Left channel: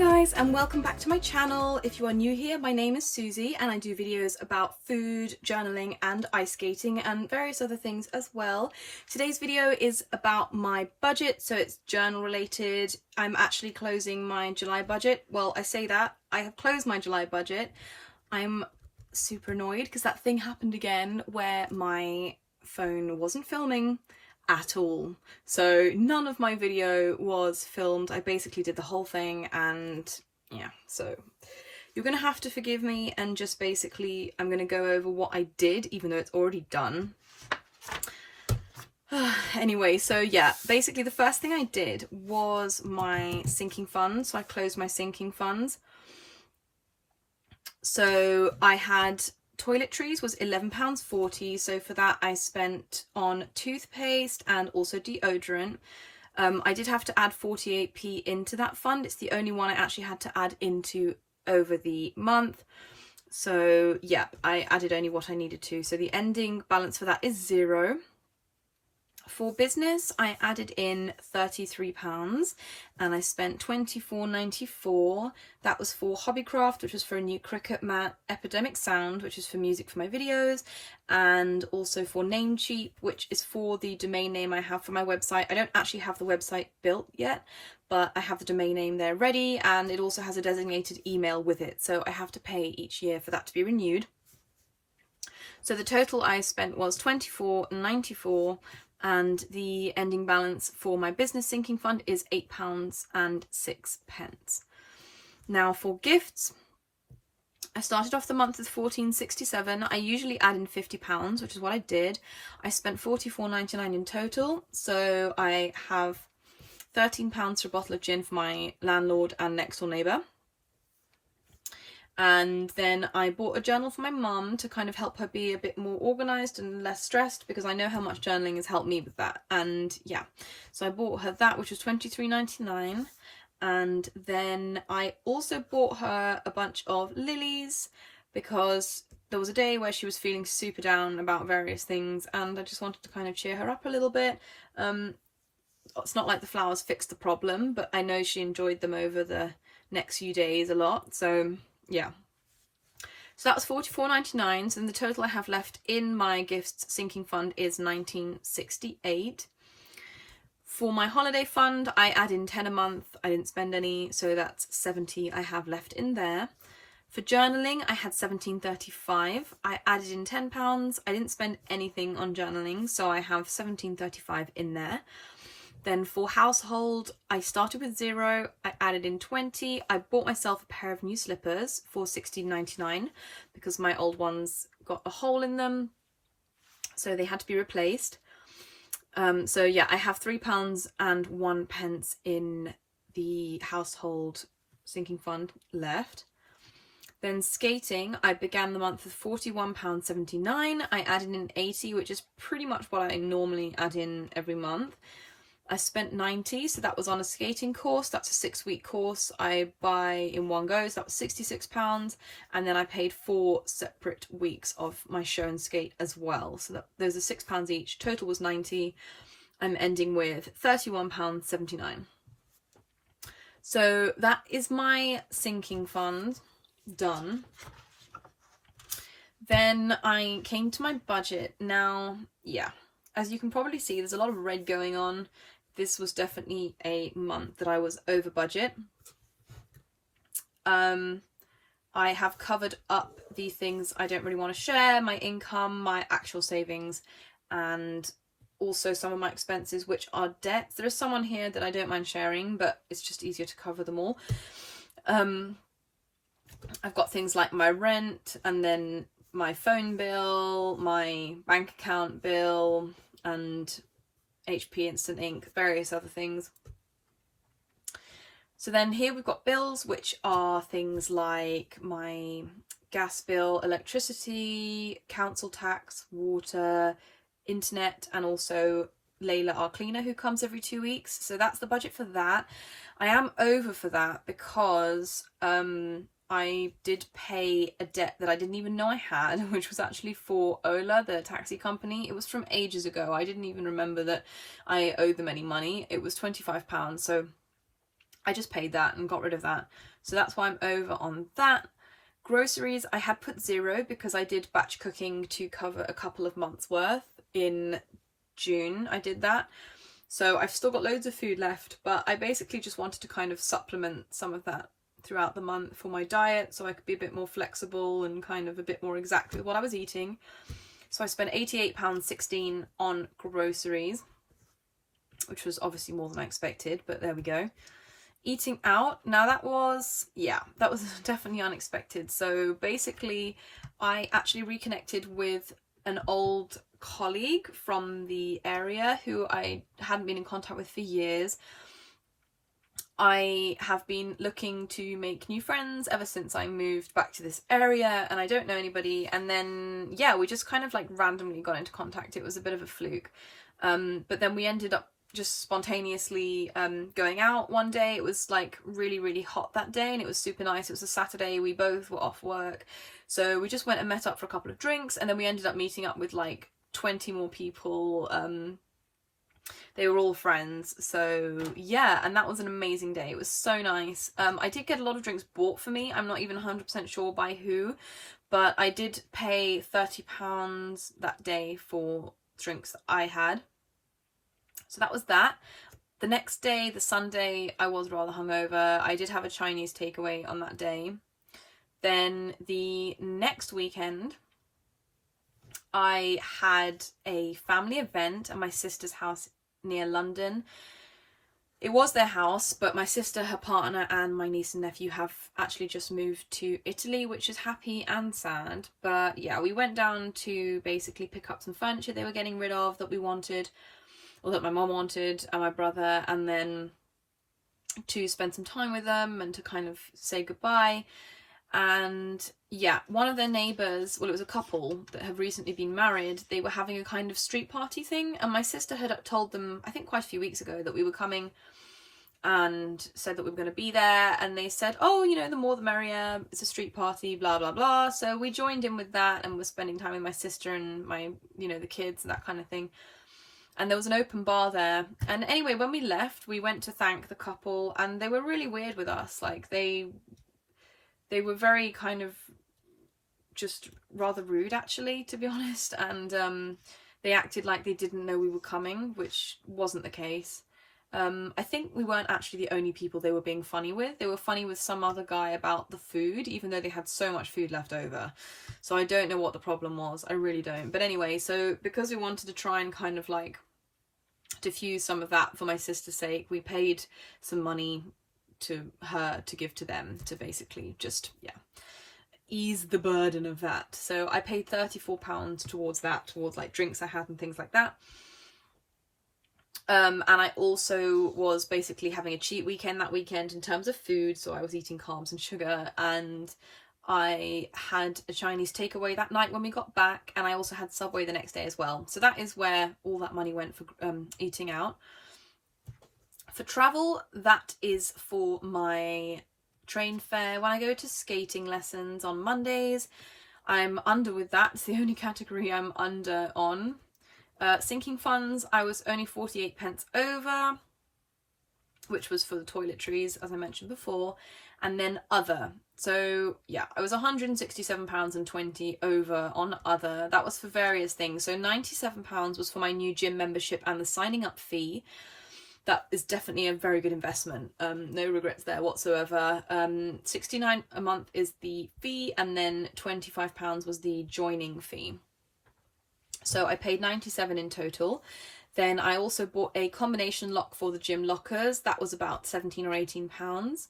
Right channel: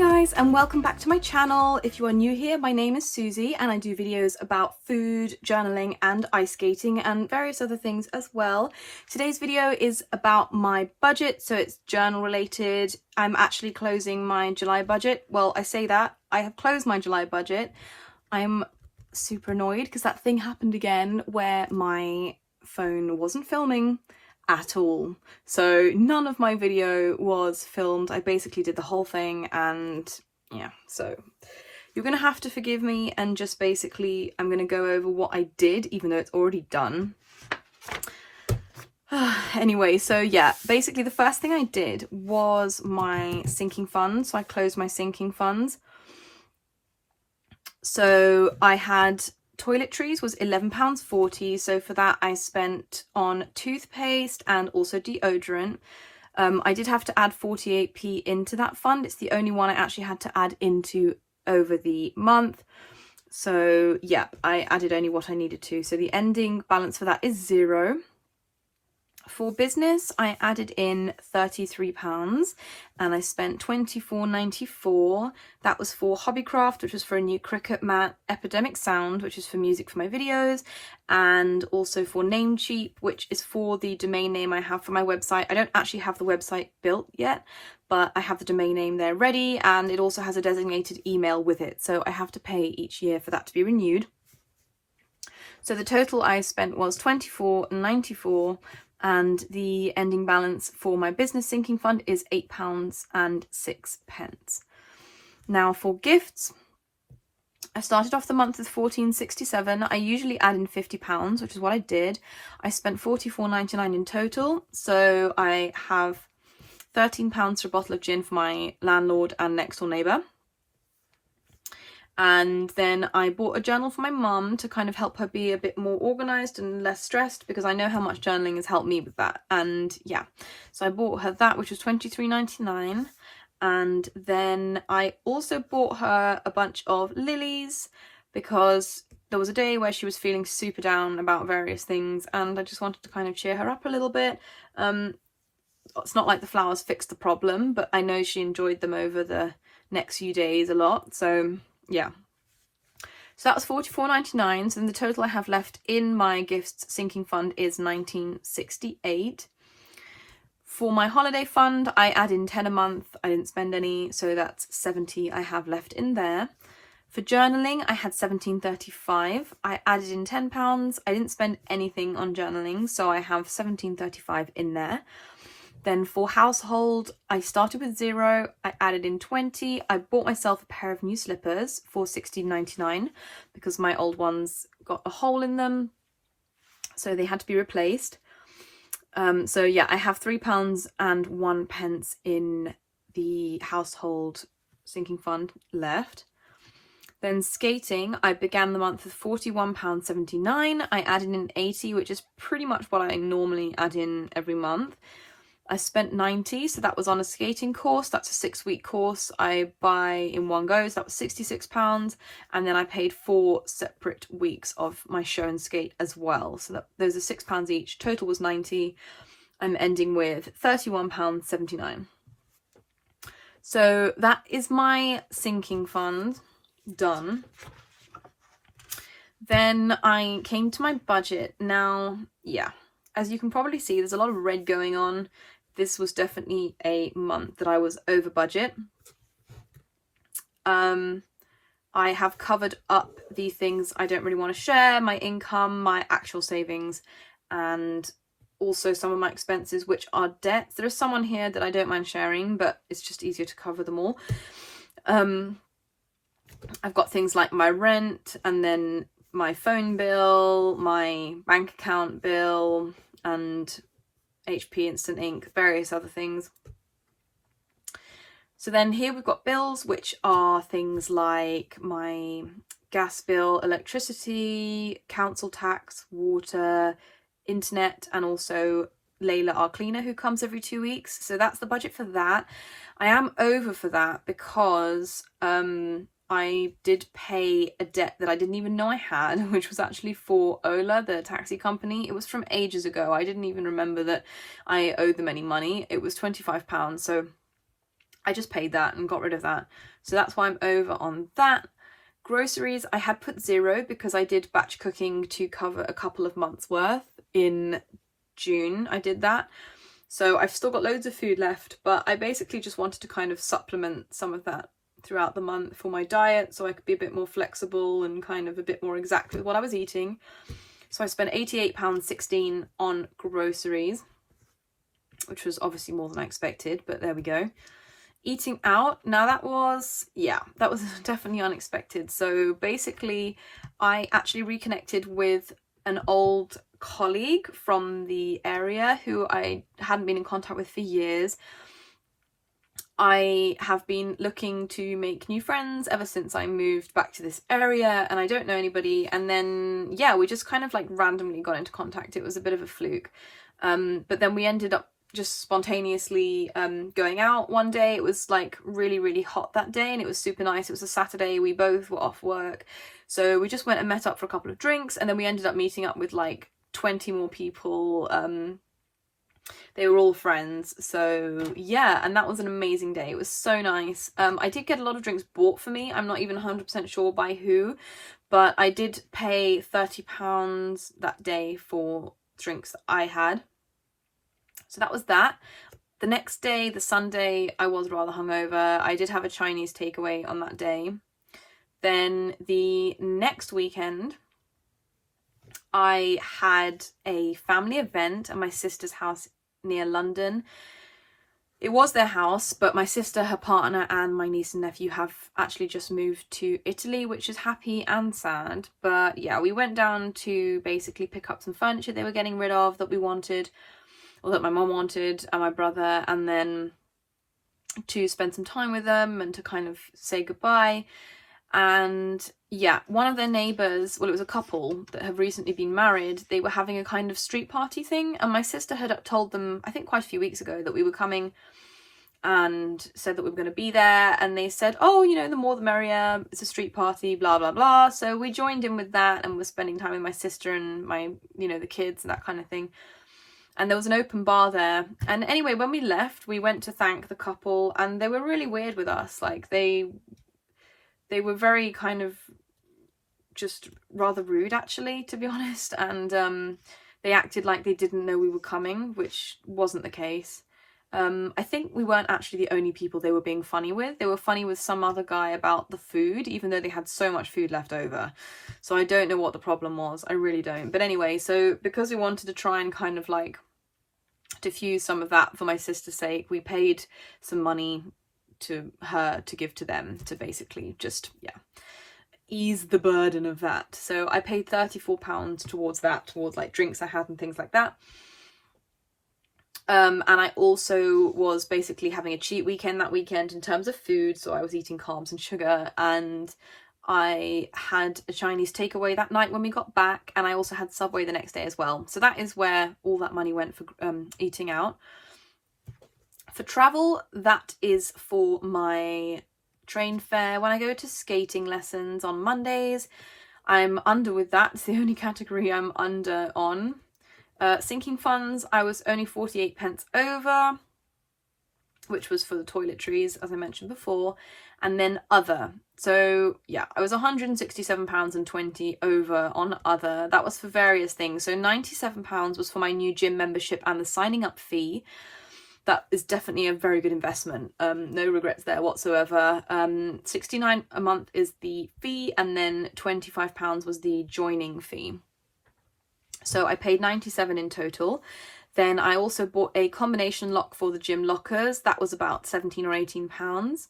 guys, and welcome back to my channel. If you are new here, my name is Susie and I do videos about food, journaling and ice skating and various other things as well. Today's video is about my budget, so it's journal related. I'm actually closing my July budget. Well, I say that, I have closed my July budget. I'm super annoyed because that thing happened again where my phone wasn't filming at all, so none of my video was filmed. I basically did the whole thing, and yeah, so you're gonna have to forgive me and just basically I'm gonna go over what I did even though it's already done. Anyway, so yeah, basically the first thing I did was my sinking funds. So I closed my sinking funds. So I had toiletries was £11.40, so for that I spent on toothpaste and also deodorant. I did have to add 48p into that fund. It's the only one I actually had to add into over the month. So yeah, I added only what I needed to. So the ending balance for that is £0. For business, I added in £33 and I spent £24.94. That was for Hobbycraft, which was for a new cricket mat, Epidemic Sound, which is for music for my videos, and also for Namecheap, which is for the domain name I have for my website. I don't actually have the website built yet, but I have the domain name there ready, and it also has a designated email with it, so I have to pay each year for that to be renewed. So the total I spent was £24.94. And the ending balance for my business sinking fund is £8.06. Now for gifts, I started off the month with £14.67. I usually add in £50, which is what I did. I spent £44.99 in total. So I have £13 for a bottle of gin for my landlord and next door neighbour. And then I bought a journal for my mum to kind of help her be a bit more organised and less stressed, because I know how much journaling has helped me with that. And yeah, so I bought her that, which was £23.99. And then I also bought her a bunch of lilies because there was a day where she was feeling super down about various things and I just wanted to kind of cheer her up a little bit. It's not like the flowers fixed the problem, but I know she enjoyed them over the next few days a lot. So yeah, so that was £44.99. So then the total I have left in my gifts sinking fund is £19.68. For my holiday fund, I add in 10 a month. I didn't spend any, so that's 70 I have left in there. For journaling, I had £17.35. I added in £10. I didn't spend anything on journaling, so I have £17.35 in there. Then for household, I started with £0, I added in 20. I bought myself a pair of new slippers for £16.99 because my old ones got a hole in them, so they had to be replaced. So yeah, I have £3.01 in the household sinking fund left. Then skating, I began the month with £41.79. I added in 80, which is pretty much what I normally add in every month. I spent 90, so that was on a skating course. That's a 6-week course I buy in one go, so that was £66. And then I paid 4 separate weeks of my show and skate as well. So those are £6 each. Total was 90. I'm ending with £31.79. So that is my sinking fund done. Then I came to my budget. Now, yeah, as you can probably see, there's a lot of red going on. This was definitely a month that I was over budget. I have covered up the things I don't really want to share, my income, my actual savings, and also some of my expenses, which are debts. There is some on here that I don't mind sharing, but it's just easier to cover them all. I've got things like my rent, and then my phone bill, my bank account bill, and HP Instant Ink, various other things. So then here we've got bills, which are things like my gas bill, electricity, council tax, water, internet, and also Layla, our cleaner, who comes every 2 weeks. So that's the budget for that. I am over for that because I did pay a debt that I didn't even know I had, which was actually for Ola, the taxi company. It was from ages ago. I didn't even remember that I owed them any money. It was £25, so I just paid that and got rid of that. So that's why I'm over on that. Groceries, I had put 0 because I did batch cooking to cover a couple of months worth in June. I did that. So I've still got loads of food left, but I basically just wanted to kind of supplement some of that throughout the month for my diet, so I could be a bit more flexible and kind of a bit more exact with what I was eating. So I spent £88.16 on groceries, which was obviously more than I expected, but there we go. Eating out, now that was definitely unexpected. So basically I actually reconnected with an old colleague from the area who I hadn't been in contact with for years. I have been looking to make new friends ever since I moved back to this area, and I don't know anybody. And then, yeah, we just kind of like randomly got into contact. It was a bit of a fluke. But then we ended up just spontaneously going out one day. It was like really, really hot that day, and it was super nice. It was a Saturday. We both were off work. So we just went and met up for a couple of drinks, and then we ended up meeting up with like 20 more people. They were all friends, so yeah, and that was an amazing day. It was so nice. I did get a lot of drinks bought for me. I'm not even 100% sure by who, but I did pay £30 that day for drinks that I had. So that was that. The next day, the Sunday, I was rather hungover. I did have a Chinese takeaway on that day. Then the next weekend, I had a family event at my sister's house near London. It was their house, but my sister, her partner, and my niece and nephew have actually just moved to Italy, which is happy and sad. But yeah, we went down to basically pick up some furniture they were getting rid of that we wanted, or that my mum wanted, and my brother, and then to spend some time with them and to kind of say goodbye. And yeah, one of their neighbours, well, it was a couple that have recently been married, they were having a kind of street party thing, and my sister had told them, I think quite a few weeks ago, that we were coming, and said that we were going to be there, and they said, oh, you know, the more the merrier, it's a street party, blah blah blah. So we joined in with that, and we're spending time with my sister and my, you know, the kids and that kind of thing. And there was an open bar there, and anyway, when we left, we went to thank the couple, and they were really weird with us. Like they were very kind of just rather rude, actually, to be honest. And they acted like they didn't know we were coming, which wasn't the case. I think we weren't actually the only people they were being funny with. They were funny with some other guy about the food, even though they had so much food left over. So I don't know what the problem was. I really don't. But anyway, so because we wanted to try and kind of like diffuse some of that for my sister's sake, we paid some money to her to give to them to basically just, yeah, ease the burden of that. So I paid £34 towards that, towards like drinks I had and things like that. And I also was basically having a cheat weekend that weekend in terms of food. So I was eating carbs and sugar, and I had a Chinese takeaway that night when we got back, and I also had Subway the next day as well. So that is where all that money went for eating out. For travel, that is for my train fare. When I go to skating lessons on Mondays, I'm under with that. It's the only category I'm under on. Sinking funds, I was only 48 pence over, which was for the toiletries, as I mentioned before, and then other. So yeah, I was £167.20 over on other. That was for various things. So £97 was for my new gym membership and the signing up fee. That is definitely a very good investment. No regrets there whatsoever. £69 a month is the fee, and then £25 was the joining fee. So I paid £97 in total. Then I also bought a combination lock for the gym lockers. That was about £17 or £18.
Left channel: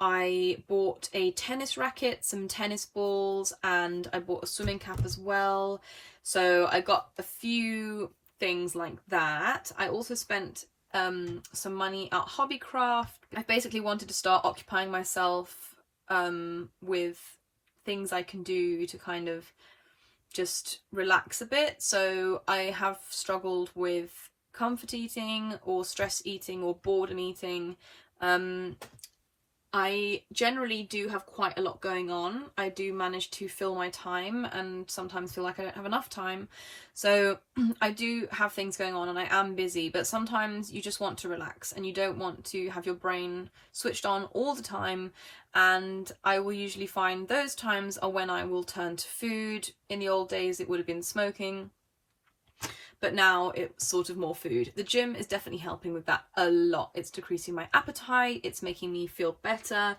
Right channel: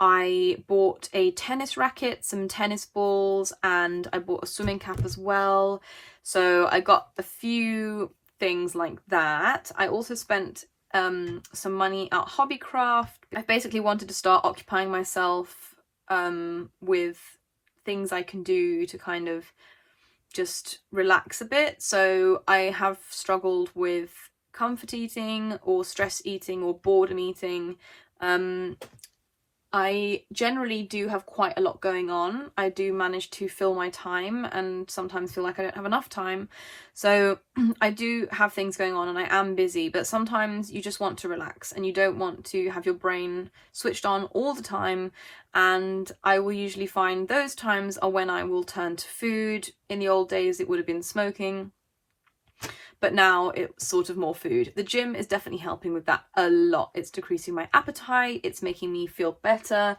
I bought a tennis racket, some tennis balls, and I bought a swimming cap as well. So I got a few things like that. I also spent some money at Hobbycraft. I basically wanted to start occupying myself with things I can do to kind of just relax a bit. So I have struggled with comfort eating or stress eating or boredom eating. I generally do have quite a lot going on. I do manage to fill my time and sometimes feel like I don't have enough time. So I do have things going on and I am busy, but sometimes you just want to relax and you don't want to have your brain switched on all the time. And I will usually find those times are when I will turn to food. In the old days, it would have been smoking, but now it's sort of more food. The gym is definitely helping with that a lot. It's decreasing my appetite. It's making me feel better.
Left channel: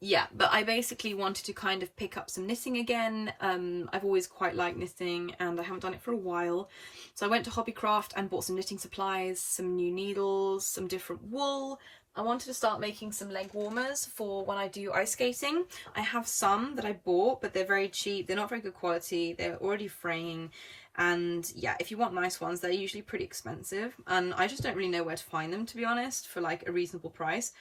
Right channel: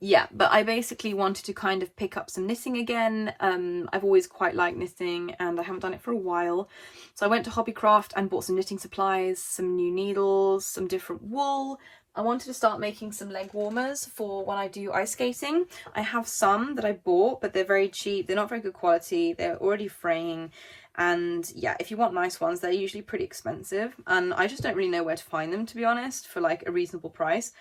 Yeah, but I basically wanted to kind of pick up some knitting again. I've always quite liked knitting and I haven't done it for a while. So I went to Hobbycraft and bought some knitting supplies, some new needles, some different wool. I wanted to start making some leg warmers for when I do ice skating. I have some that I bought, but they're very cheap. They're not very good quality. They're already fraying. And yeah, if you want nice ones, they're usually pretty expensive. And I just don't really know where to find them, to be honest, for like a reasonable price.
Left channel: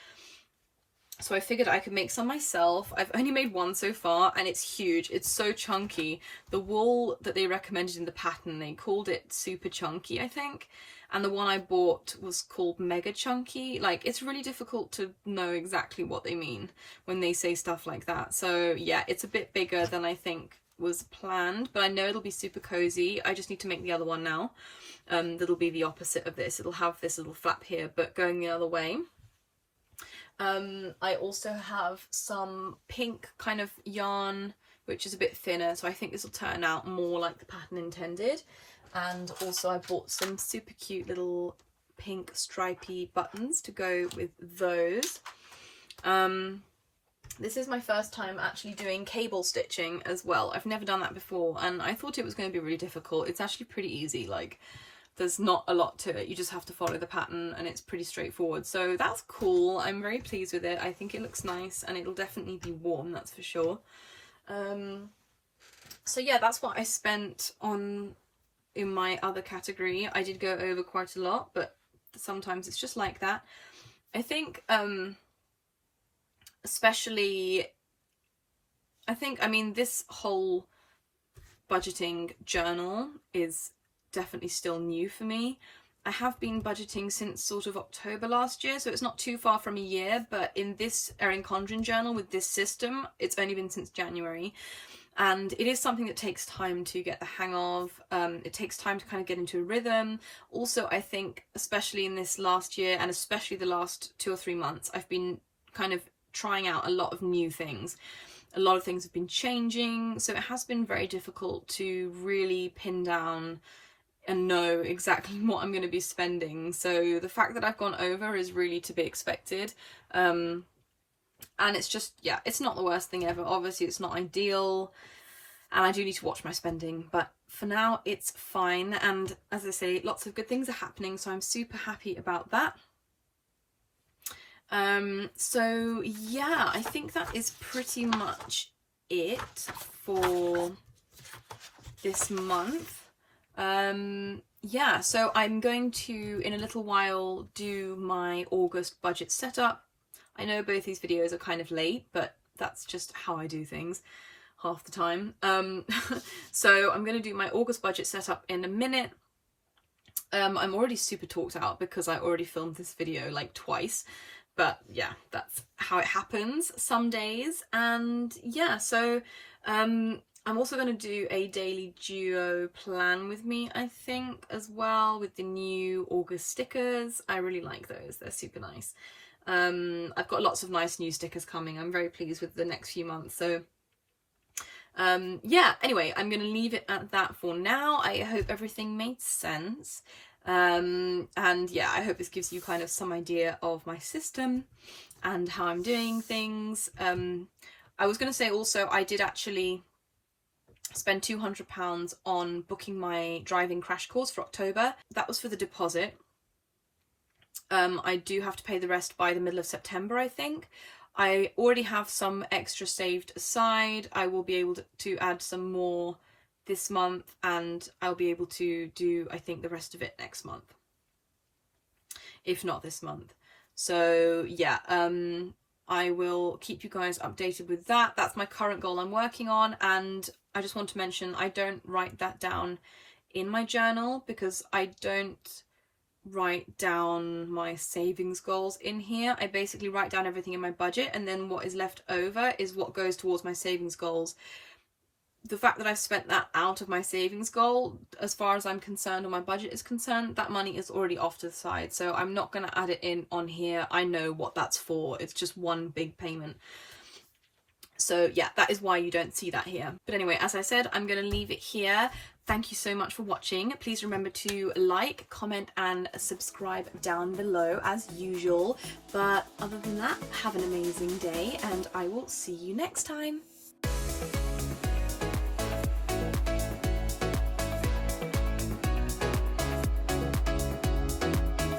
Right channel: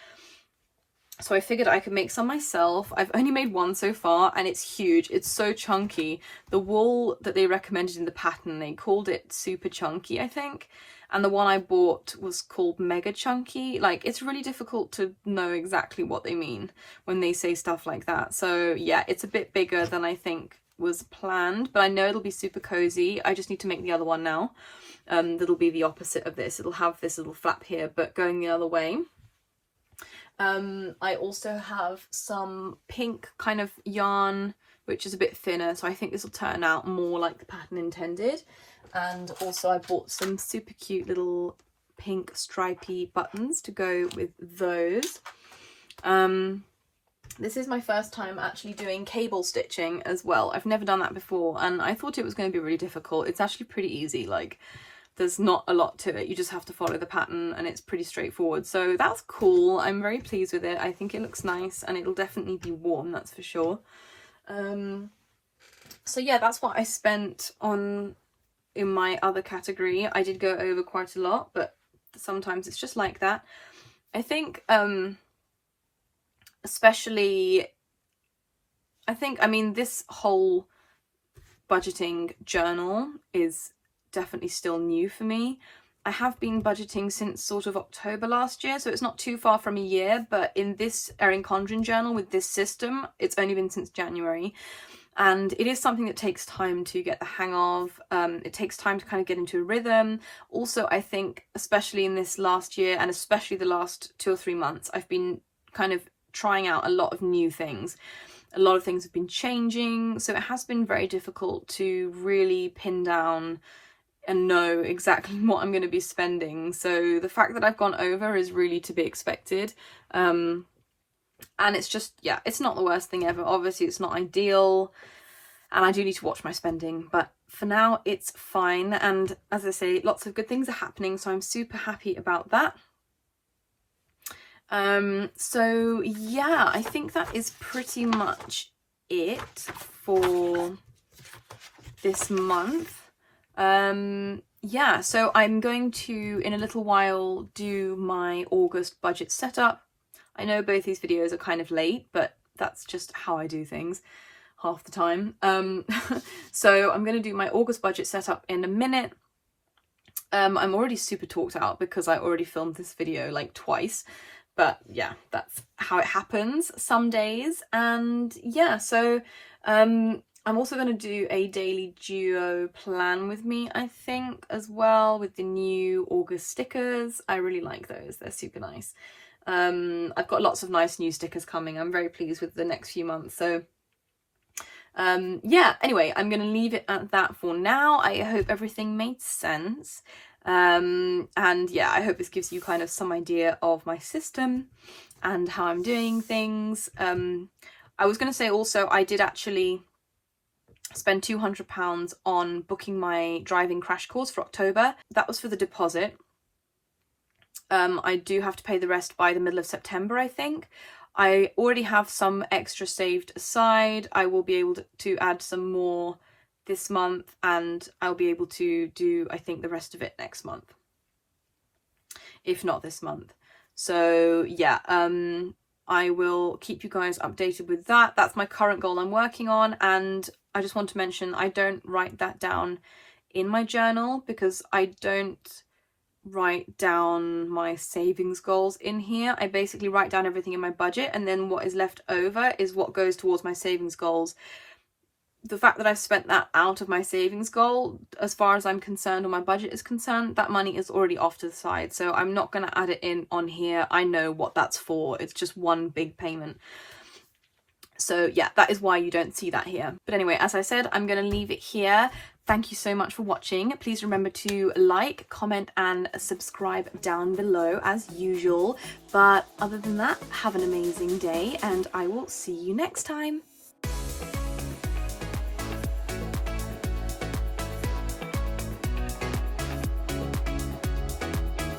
So I figured I could make some myself. I've only made one so far and it's huge. It's so chunky. The wool that they recommended in the pattern, they called it super chunky, I think. And the one I bought was called mega chunky. Like, it's really difficult to know exactly what they mean when they say stuff like that. So yeah, it's a bit bigger than I think was planned, but I know it'll be super cozy. I just need to make the other one now. That'll be the opposite of this. It'll have this little flap here, but going the other way. I also have some pink kind of yarn, which is a bit thinner, so I think this will turn out more like the pattern intended. And also I bought some super cute little pink stripy buttons to go with those. This is my first time actually doing cable stitching as well. I've never done that before and I thought it was going to be really difficult. It's actually pretty easy. Like, there's not a lot to it. You just have to follow the pattern and it's pretty straightforward. So that's cool. I'm very pleased with it. I think it looks nice and it'll definitely be worn, that's for sure. So yeah, that's what I spent on in my other category. I did go over quite a lot, but sometimes it's just like that. I think especially, I mean, this whole budgeting journal is definitely still new for me. I have been budgeting since sort of October last year, so it's not too far from a year, but in this Erin Condren journal with this system, it's only been since January. And it is something that takes time to get the hang of. It takes time to kind of get into a rhythm. Also, I think, especially in this last year and especially the last 2 or 3 months, I've been kind of trying out a lot of new things. A lot of things have been changing, so it has been very difficult to really pin down and know exactly what I'm going to be spending. So the fact that I've gone over is really to be expected. And it's just, yeah, it's not the worst thing ever. Obviously, it's not ideal and I do need to watch my spending, but for now it's fine. And as I say, lots of good things are happening, so I'm super happy about that. So yeah, I think that is pretty much it for this month. Yeah, so I'm going to, in a little while, do my August budget setup. I know both these videos are kind of late, but that's just how I do things half the time. So I'm going to do my August budget setup in a minute. I'm already super talked out because I already filmed this video like twice. But yeah, that's how it happens some days. And yeah, so I'm also going to do a daily duo plan with me, I think, as well, with the new August stickers. I really like those. They're super nice. I've got lots of nice new stickers coming. I'm very pleased with the next few months. So yeah, anyway, I'm going to leave it at that for now. I hope everything made sense. And yeah, I hope this gives you kind of some idea of my system and how I'm doing things. I was going to say also, I did actually spend £200 on booking my driving crash course for October. That was for the deposit. I do have to pay the rest by the middle of September, I think. I already have some extra saved aside. I will be able to add some more this month and I'll be able to do, I think, the rest of it next month, if not this month. So yeah, I will keep you guys updated with that. That's my current goal I'm working on, and I just want to mention I don't write that down in my journal because I don't write down my savings goals in here. I basically write down everything in my budget, and then what is left over is what goes towards my savings goals. The fact that I've spent that out of my savings goal, as far as I'm concerned, or my budget is concerned, that money is already off to the side, so I'm not going to add it in on here. I know what that's for. It's just one big payment. So yeah, that is why you don't see that here. But anyway, as I said, I'm going to leave it here. Thank you so much for watching. Please remember to like, comment and subscribe down below as usual. But other than that, have an amazing day and I will see you next time.